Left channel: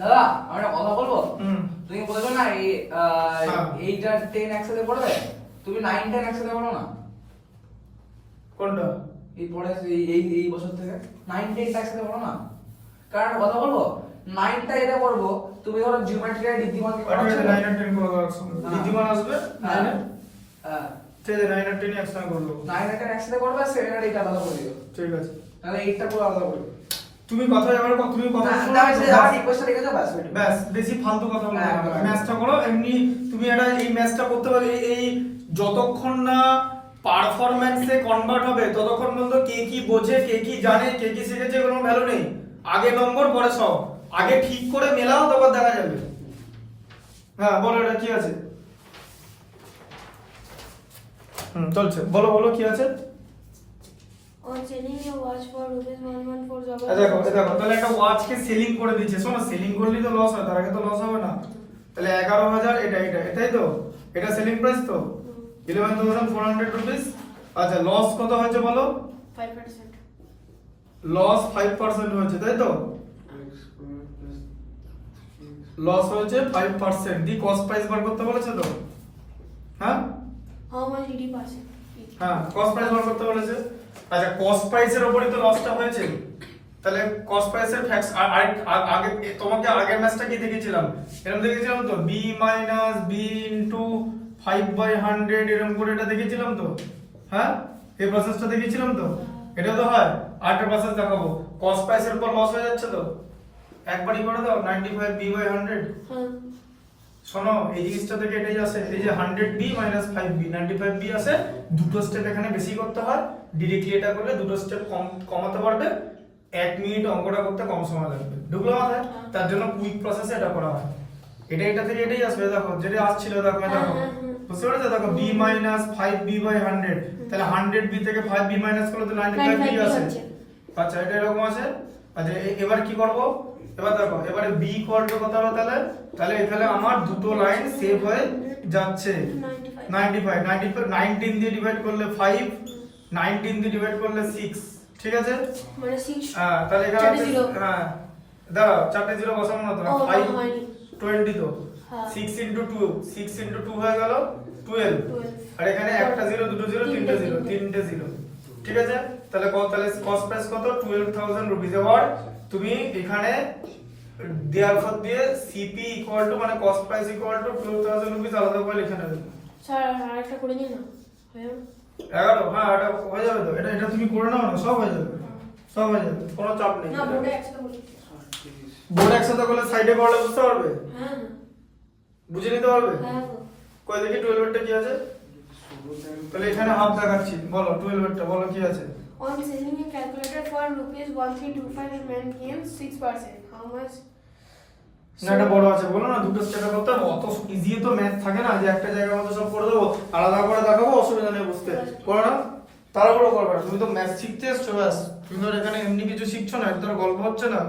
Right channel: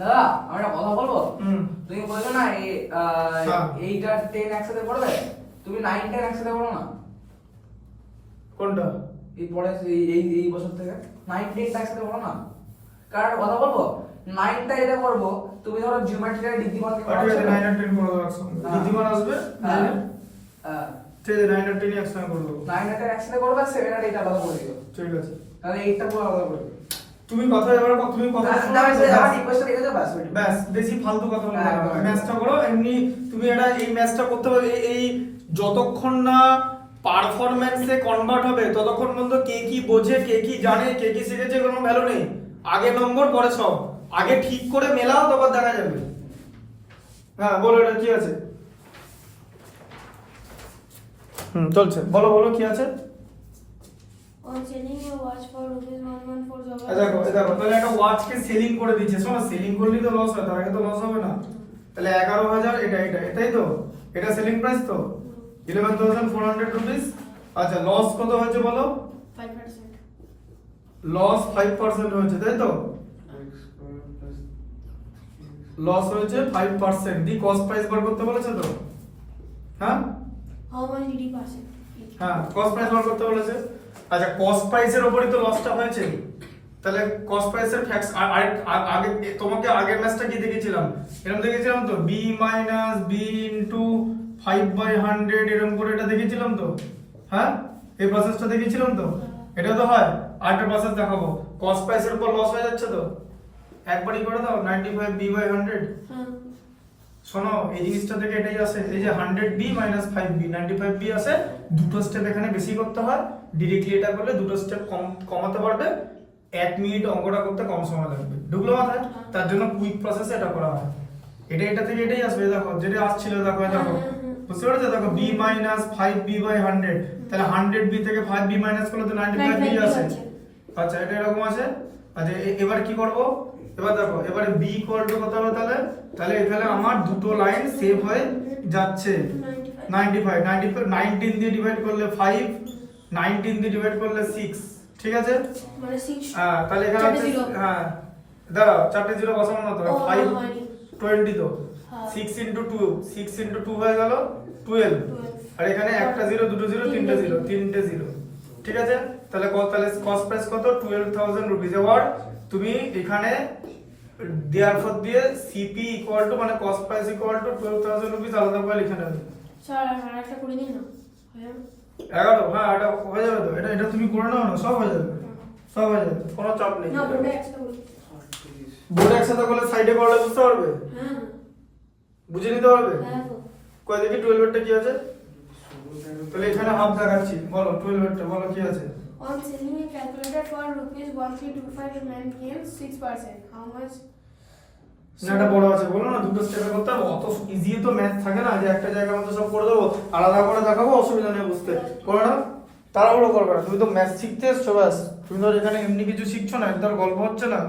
দাদা আমরা একটা কথা বলবো। হুম। তুমি বলছো না এই হ্যাঁ। 8 আর 10 একসাথে পড়বে, তুমি 9 10 একসাথে পড়ো না। কোনটা? এই পরে এই বছর থেকে 9 10 একসাথে পড়ো না। কারণ কথা বলবো, 9টা এটা করবো, তুমি ধরো জিওমেট্রির ঋদ্ধিমানকে ঠিক আছে 9 আর 10 করে দাও একসঙ্গে। হ্যাঁ। ঋদ্ধিমান আসবে হ্যাঁ 9 হ্যাঁ ঠিক আছে 9 আর 10 একসঙ্গে করে দেবো। 9 আর 10 একসাথে করবে, 7 আর 8 আলাদা করে দিও। ঠিক আছে। তাহলে 8টা পুরো আলাদা করে দিও। তুমি কথা এবার তুমি কথা না, শোনো, না, ব্যাস। আমার রিকোয়েস্টটা লিখে দাও, ব্যাস। ব্যাস বেশি ফালতু কথা বলবো একদম, না। একদম। ম্যাচটা করো এমনি। তুমি এটা এই ম্যাচটা করতে হবে এই যতক্ষণ না পারফরম্যান্সে কনভার্ট হবে ততক্ষণ পর্যন্ত কে কি বোঝে, কে কি জানে, কে কি শিখেছে কোনো ভ্যালু নেই। আগে নম্বর পরে সব। আগে ঠিক করে মেলাও তারপর দেখা যাবে। হ্যাঁ বলো এটা কি আছে? চলছে, বলো বলো কি আছে? On selling a watch for ₹114 দেখো তাহলে একটা ওয়াচকে সেলিং করে দিচ্ছে। শোনো, সেলিং করলেই তো লস হয়, তার আগে তো লস হবে না। তাহলে 11,000 এটাই তো, এটা সেলিং প্রাইস তো 11,400 রুপিস। আচ্ছা লস কত হয়েছে বলো? 5%. লস 5% হয়েছে তাই তো? লস হয়েছে 5%। দি কস্ট প্রাইস বার করতে বলেছে তো? হ্যাঁ How much did he pass it? হ্যাঁ কস্ট প্রাইস বার করতে বলেছে। আচ্ছা কস্ট প্রাইসের উপরই তো লসটা হয়েছে। তাহলে কস্ট প্রাইসের ফ্যাক্টস আগে তোমাকে আগের ম্যাচটা কি দেখেছিলাম? এরকম দেখেছিলাম তো b - b * 5/100 এরকম করে এটা দেখেছিলাম তো। হ্যাঁ এই প্রসেসটা দেখেছিলাম তো। এটা তো হয়। আরেকটা প্রসেস দেখাবো। কস্ট প্রাইসের উপর লস হয়ে যাচ্ছে তো একবারই করে দাও 95b/100। हाँ শোনো এই জিনিসটা থেকে এটাই আসে, এই যে 100b - 5b 95b আসে। দুটো স্টেপ এখানে বেশি করতে হয়। ডাইরেক্টলি এটা করলে দুটো স্টেপ কমাতে পারবে। 1 মিনিট অঙ্কটা করতে কম সময় লাগবে। ঢুকলো মাথায়? তার জন্য কুইক প্রসেসে এটা করা হয়। এটা থেকে এটাই আসবে। দেখো যেটা আসছিল দেখো বুঝতে পেরেছো? দেখো b - 5b/100 তাহলে 100b থেকে 5b মাইনাস করলে তো 95b আসে। আচ্ছা এটা এরকম আছে। আচ্ছা এবার কি করব? এবার দেখো এবারে b কত হবে তাহলে এখানে আমার দুটো লাইন সেভ হয়ে যাচ্ছে। 95 19 দিয়ে ডিভাইড করলে 5, 19 দিয়ে ডিভাইড করলে 6। ঠিক আছে? মানে 6 হ্যাঁ তাহলে এখানে চারটে zero। হ্যাঁ দাঁড়াও চারটে জিরো বসাবো না তো। ও, 5 হয়নি। 20 তো হ্যাঁ। 6 * 2 হয়ে গেল 12। আর এখানে একটা জিরো দুটো জিরো তিনটে জিরো। ঠিক আছে? তাহলে কস্ট প্রাইস কত? 12,000 রুপিস। এবার তুমি এখানে দেয়ারফর দিয়ে সিপি মানে কস্ট প্রাইস 12,000 রুপিস আলাদা করে লিখে নেবে। স্যার আরেকটা করে নিন না হয়ে যাবে? 11 হ্যাঁ এটা হয়ে যাবে তো। এটা তুমি করে নাও না, সব হয়ে যাবে। সব হয়ে যাবে, কোনো চাপ নেই। না বোর্ডে একসাথে করি। বোর্ড একসাথে করলে সাইডে করলে বুঝতে পারবে, হ্যাঁ বুঝে নিতে পারবে। হ্যাঁ তো কই দেখি 12 এরটা কি আছে? তাহলে এখানে হাফ দেখাচ্ছি। বলো 12 এরটা বলো কি আছে? on selling a calculator for ₹1325 it man gains 6%. How much? না এটা বড় আছে, বলো না দুটো স্টেপে করতে হবে। অত ইজি তো ম্যাথ থাকে না যে একটা জায়গার মধ্যে সব করে দেবো, আলাদা করে দেখাবো, অসুবিধা নেই বুঝতে। করো না তাড়াহুড়ো করবে। তুমি তো ম্যাথ শিখতে এসছো, ব্যাস। তুমি ধর এখানে এমনি কিছু শিখছো না, একদম গল্প হচ্ছে না।